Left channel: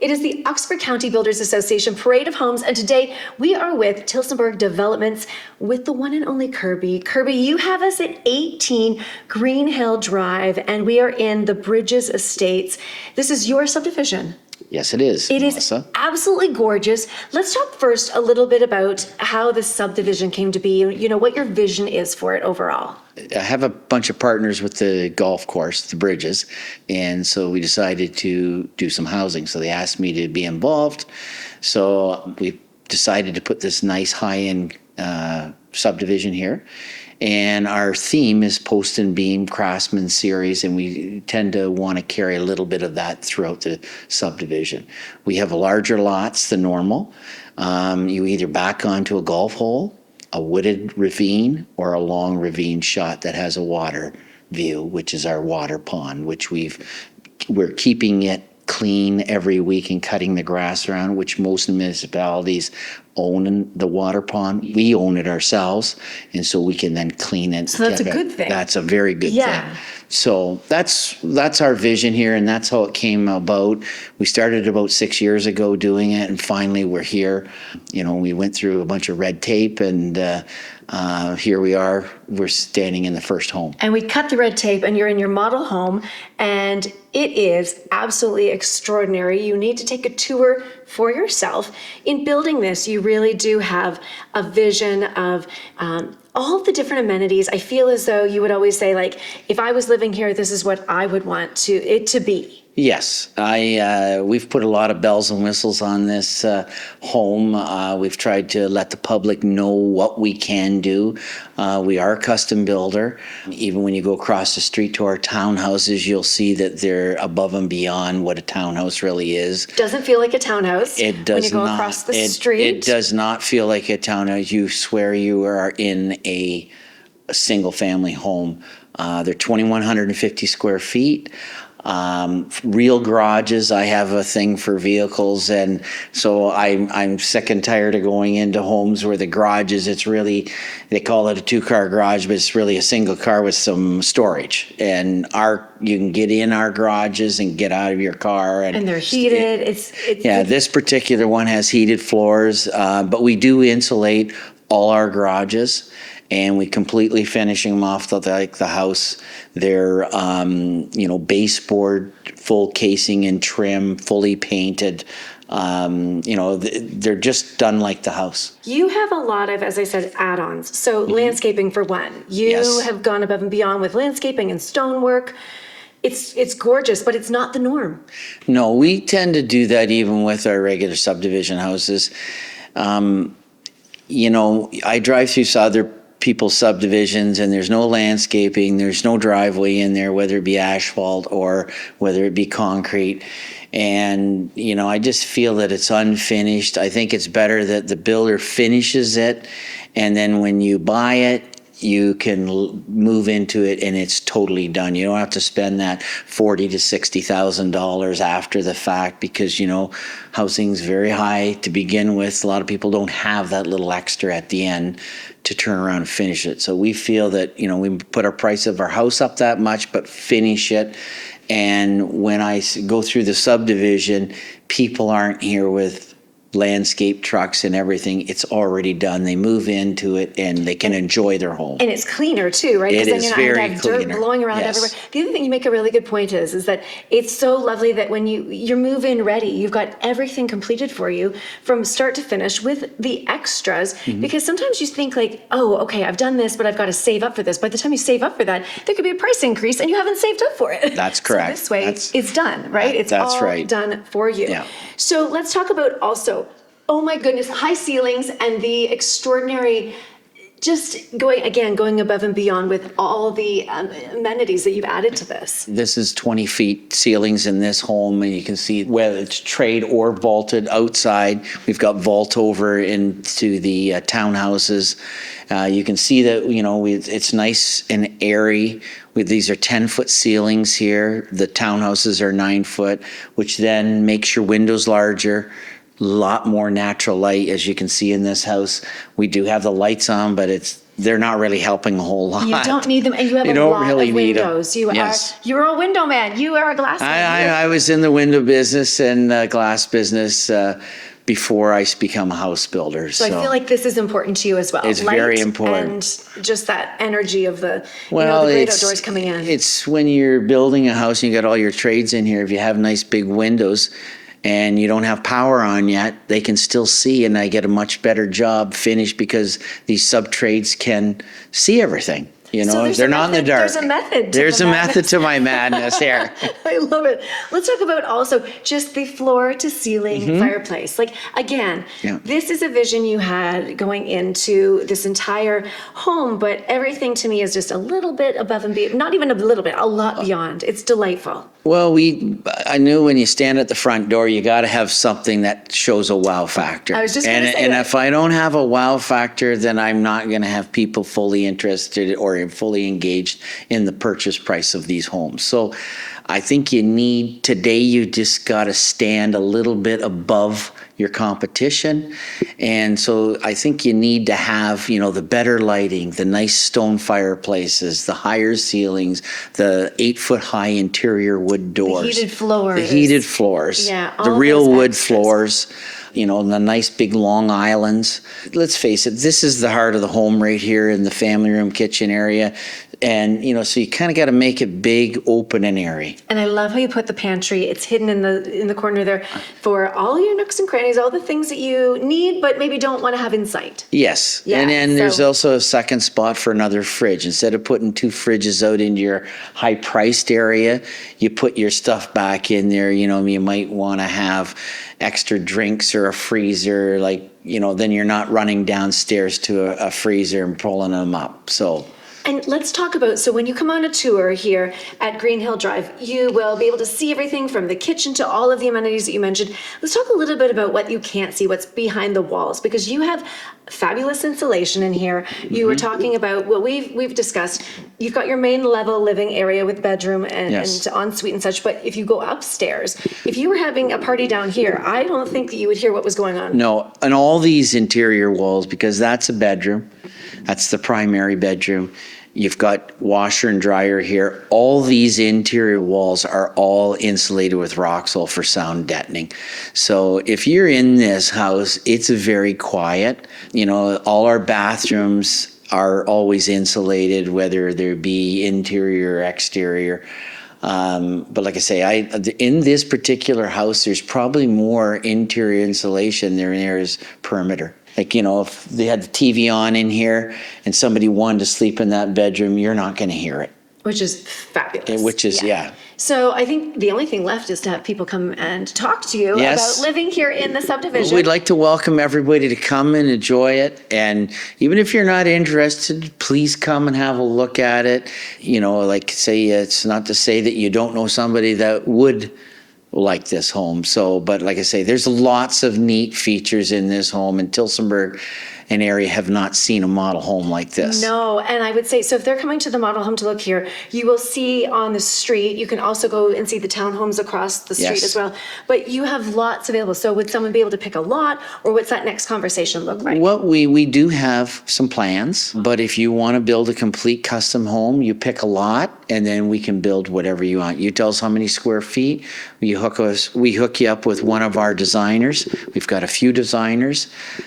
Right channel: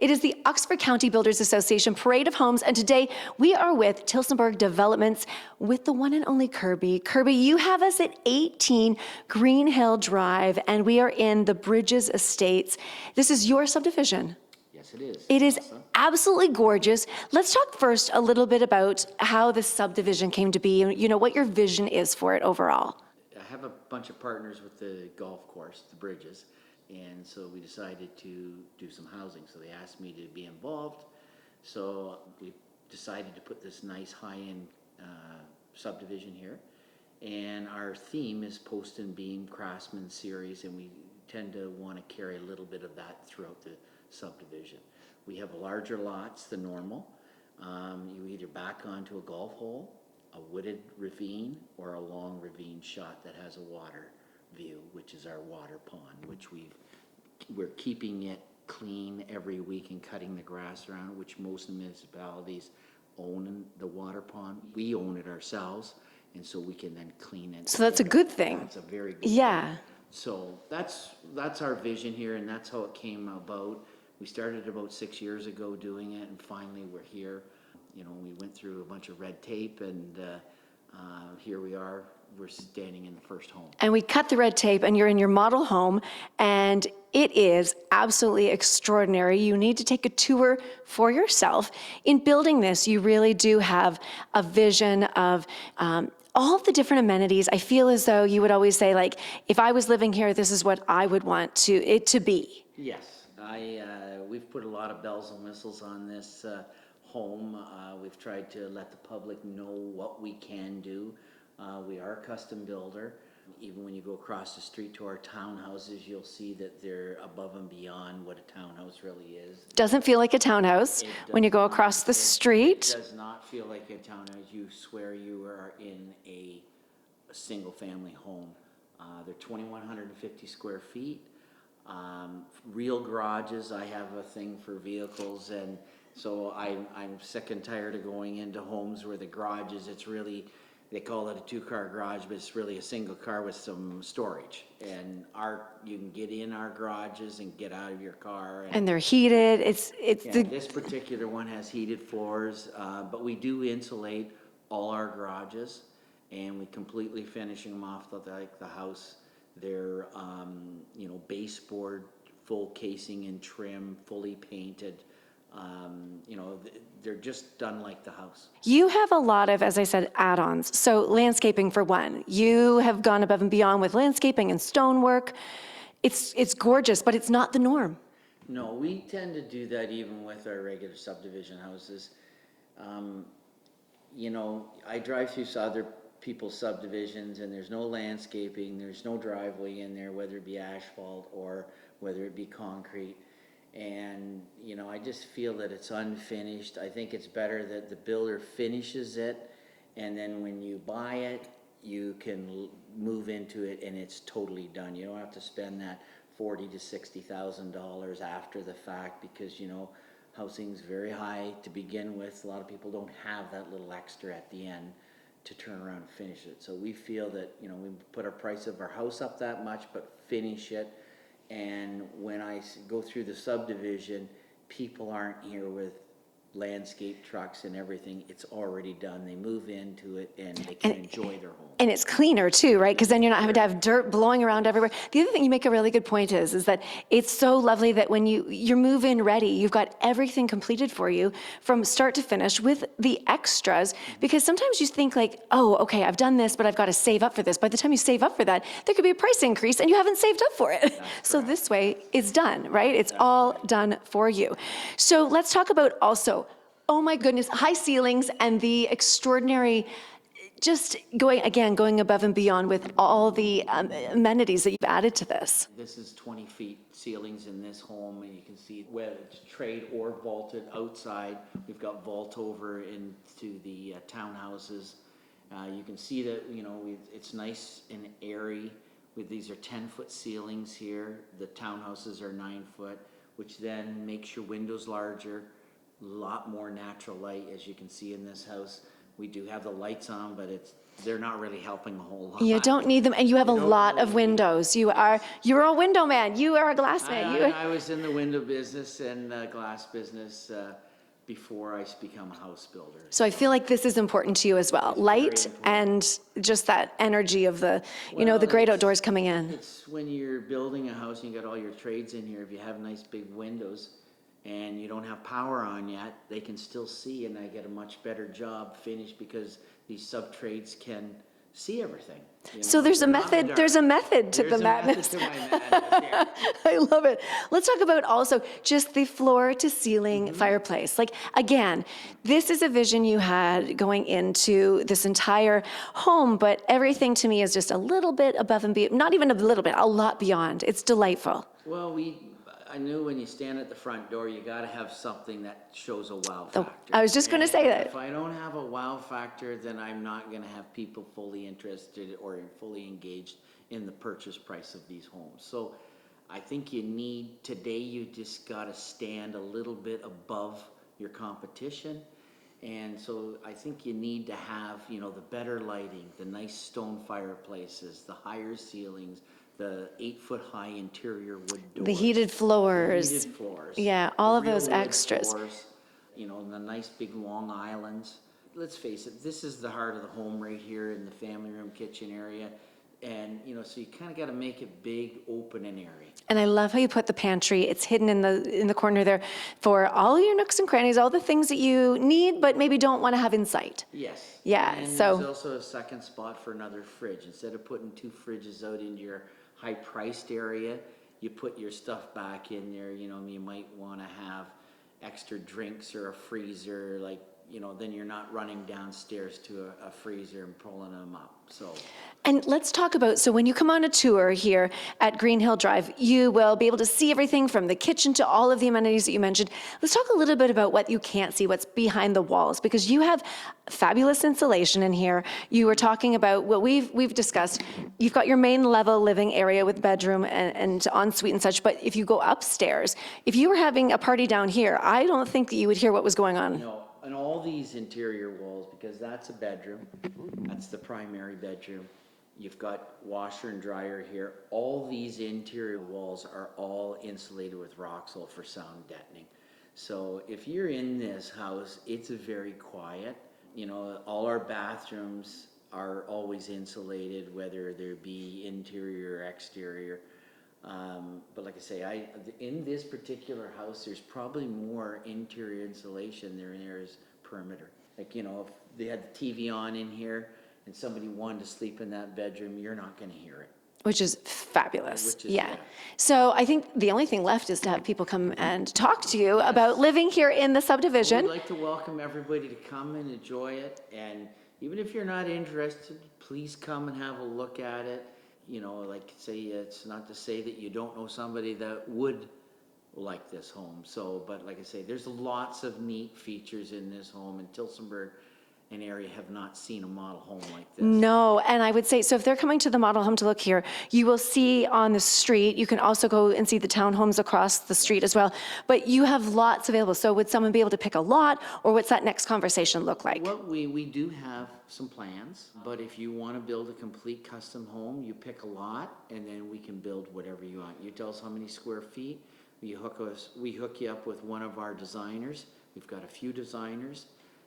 It is the Oxford County Builders Association Parade of Homes, and today we are with Tillsonburg Developments with the one and only Kirby. Kirby, you have us at 18 Greenhill Drive, and we are in the Bridges Estates. This is your subdivision. Yes, it is. It is absolutely gorgeous. Let's talk first a little bit about how this subdivision came to be, and what your vision is for it overall. I have a bunch of partners with the golf course, the Bridges, and so we decided to do some housing. So they asked me to be involved. So we decided to put this nice high-end subdivision here. And our theme is post and beam craftsman series, and we tend to want to carry a little bit of that throughout the subdivision. We have larger lots than normal. You either back onto a golf hole, a wooded ravine, or a long ravine shot that has a water view, which is our water pond, which we're keeping it clean every week and cutting the grass around, which most municipalities own the water pond. We own it ourselves, and so we can then clean it. So that's a good thing. That's a very good thing. So that's our vision here, and that's how it came about. We started about 6 years ago doing it, and finally we're here. We went through a bunch of red tape, and here we are. We're standing in the first home. And we cut the red tape, and you're in your model home, and it is absolutely extraordinary. You need to take a tour for yourself. In building this, you really do have a vision of all of the different amenities. I feel as though you would always say, like, if I was living here, this is what I would want it to be. Yes, we've put a lot of bells and whistles on this home. We've tried to let the public know what we can do. We are a custom builder. Even when you go across the street to our townhouses, you'll see that they're above and beyond what a townhouse really is. Doesn't feel like a townhouse when you go across the street. It does not feel like a townhouse. You swear you are in a single family home. They're 2,150 square feet. Real garages. I have a thing for vehicles, and so I'm sick and tired of going into homes where the garages, it's really, they call it a 2-car garage, but it's really a single car with some storage. And you can get in our garages and get out of your car, and they're heated. This particular one has heated floors, but we do insulate all our garages, and we completely finishing them off like the house. They're baseboard, full casing and trim, fully painted. They're just done like the house. You have a lot of, as I said, add-ons. So landscaping for one. You have gone above and beyond with landscaping and stonework. It's gorgeous, but it's not the norm. No, we tend to do that even with our regular subdivision houses. I drive through other people's subdivisions, and there's no landscaping, there's no driveway in there, whether it be asphalt or whether it be concrete. And, I just feel that it's unfinished. I think it's better that the builder finishes it, and then when you buy it, you can move into it and it's totally done. You don't have to spend that $40,000 to $60,000 after the fact, because housing's very high to begin with. A lot of people don't have that little extra at the end to turn around and finish it. So we feel that we put our price of our house up that much, but finish it. And when I go through the subdivision, people aren't here with landscape trucks and everything. It's already done. They move into it and they can enjoy their home. And it's cleaner too, right? Because then you're not going to have dirt blowing around everywhere. The other thing you make a really good point is that it's so lovely that when you're move-in ready, you've got everything completed for you from start to finish with the extras. Because sometimes you think like, oh, okay, I've done this, but I've got to save up for this. By the time you save up for that, there could be a price increase and you haven't saved up for it. That's correct. So this way, it's done, right? It's all done for you. Yeah. So let's talk about also, oh my goodness, high ceilings and the extraordinary, just going above and beyond with all the amenities that you've added to this. This is 20 feet ceilings in this home, and you can see whether it's trade or vaulted outside. We've got vault over into the townhouses. You can see that, it's nice and airy. These are 10-foot ceilings here. The townhouses are 9 foot, which then makes your windows larger, lot more natural light, as you can see in this house. We do have the lights on, but they're not really helping a whole lot. You don't need them, and you have a don't lot really of need 'em. windows. Yes. You're a window man. You are a glass man. I was in the window business and glass business before I become a house builder. So I feel like this is important to you as well. It's Light very important. and just that energy of the, Well, the great it's- outdoors coming in. It's when you're building a house and you got all your trades in here, if you have nice big windows and you don't have power on yet, they can still see, and I get a much better job finished because these sub-trades can see everything. You know, So there's they're a not in the method- dark. there's a method to There's the a madness. method to my madness here. I love it. Let's talk about also just the floor to ceiling fireplace. Like, again, Yeah. this is a vision you had going into this entire home, but everything to me is just a little bit above and beyond, not even a little bit, a lot beyond. It's delightful. Well, I knew when you stand at the front door, you got to have something that shows a wow factor. I was just gonna say and that. if I don't have a wow factor, then I'm not going to have people fully interested or fully engaged in the purchase price of these homes. So I think today you just got to stand a little bit above your competition. And so I think you need to have, the better lighting, the nice stone fireplaces, the higher ceilings, the 8-foot high interior wood doors. heated floors. The heated floors. Yeah, The all real those wood extras. floors. The nice big long islands. Let's face it, this is the heart of the home right here in the family room kitchen area. And, so you kind of got to make it big, open, and airy. And I love how you put the pantry. It's hidden in the corner there for all your nooks and crannies, all the things that you need, but maybe don't want to have in sight. Yes. Yeah, And then there's so- also a second spot for another fridge. Instead of putting 2 fridges out into your high-priced area, you put your stuff back in there. You might want to have extra drinks or a freezer, then you're not running downstairs to a freezer and pulling them up. So. And let's talk about, so when you come on a tour here at Greenhill Drive, you will be able to see everything from the kitchen to all of the amenities that you mentioned. Let's talk a little bit about what you can't see, what's behind the walls, because you have fabulous insulation in here. You were talking about, well, we've discussed, you've got your main level living area with bedroom and ensuite and such, but if you go upstairs, if you were having a party down here, I don't think that you would hear what was going on. No, and all these interior walls, because that's a bedroom, that's the primary bedroom. You've got washer and dryer here. All these interior walls are all insulated with Roxol for sound deadening. So if you're in this house, it's very quiet. All our bathrooms are always insulated, whether there be interior or exterior. But like I say, in this particular house, there's probably more interior insulation than there is perimeter. If they had the TV on in here and somebody wanted to sleep in that bedroom, you're not going to hear it. Which is fabulous. Yeah. So I think the only thing left is to have people come and talk to you Yes. about living here in the subdivision. We'd like to welcome everybody to come and enjoy it. And even if you're not interested, please come and have a look at it. It's not to say that you don't know somebody that would like this home. But like I say, there's lots of neat features in this home, and Tillsonburg and area have not seen a model home like this. No, and I would say, so if they're coming to the model home to look here, you will see on the street, you can also go and see the townhomes across the street Yes. as well, but you have lots available. So would someone be able to pick a lot, or what's that next conversation look like? Well, we do have some plans, but if you want to build a complete custom home, you pick a lot, and then we can build whatever you want. You tell us how many square feet. We hook you up with one of our designers. We've got a few designers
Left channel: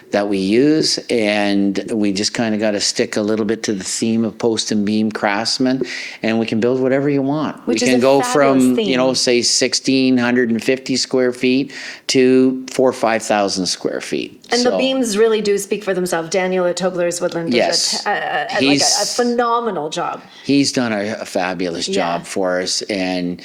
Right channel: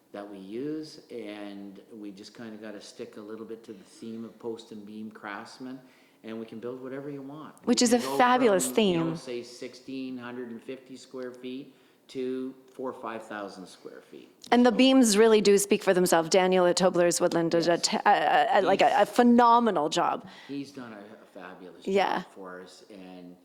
that we use, and we just kind of got to stick a little bit to the theme of post and beam craftsman, and we can build whatever you want. Which we is can a go fabulous from, theme. say 1,650 square feet to 4,000 or 5,000 square feet. And the So- beams really do speak for themselves. Daniel at Tobler's Woodland did Yes. a He's- phenomenal job. He's done a fabulous Yeah. job for us, and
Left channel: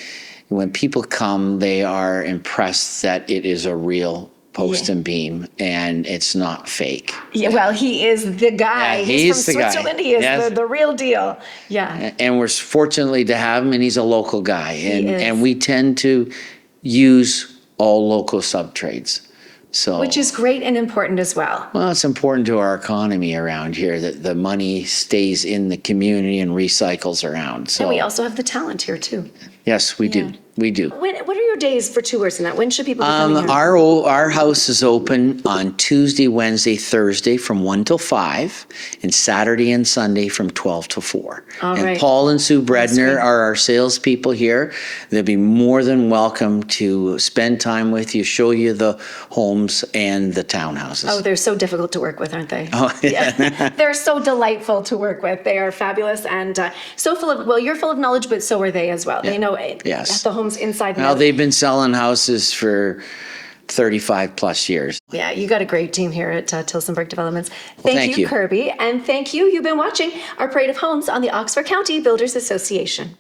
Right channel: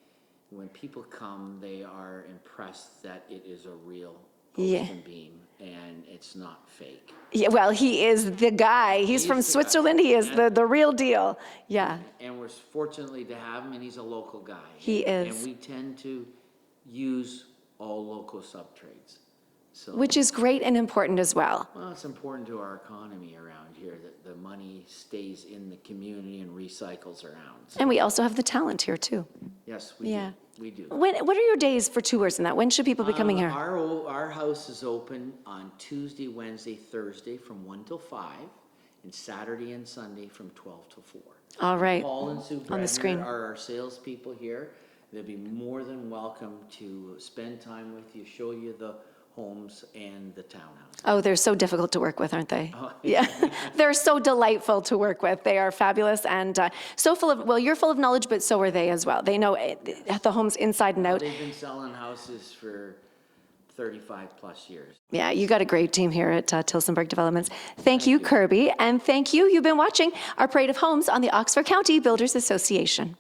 when people come, they are impressed that it is a real post Yeah. and beam, and it's not fake. Yeah, well, he is the guy. Yeah, he's he's from the guy. Switzerland. He is Yes. the real deal. Yeah. And we're fortunately to have him, and he's a local guy. He is. And we tend to use all local sub-trades. So, Which is great and important as well. well, it's important to our economy around here that the money stays in the community and recycles around. So, And we also have the talent here too. yes, we do. We do. What are your days for tours and that? When should people be coming here? Our house is open on Tuesday, Wednesday, Thursday from 1 till 5, and Saturday and Sunday from 12 to 4. All and right. Paul and Sue screen. Bredner are our salespeople here. They'll be more than welcome to spend time with you, show you the homes and the townhouses. Oh, they're so difficult to work with, aren't they? Oh, yeah. They're so delightful to work with. They are fabulous and so full of, well, you're full of knowledge, but so are they as well. They know Yes. the homes inside and Now, out. they've been selling houses for 35 plus years. Yeah, you got a great team here at Tillsonburg Developments. Thank thank you, you. Kirby. And thank you. You've been watching our Parade of Homes on the Oxford County Builders Association.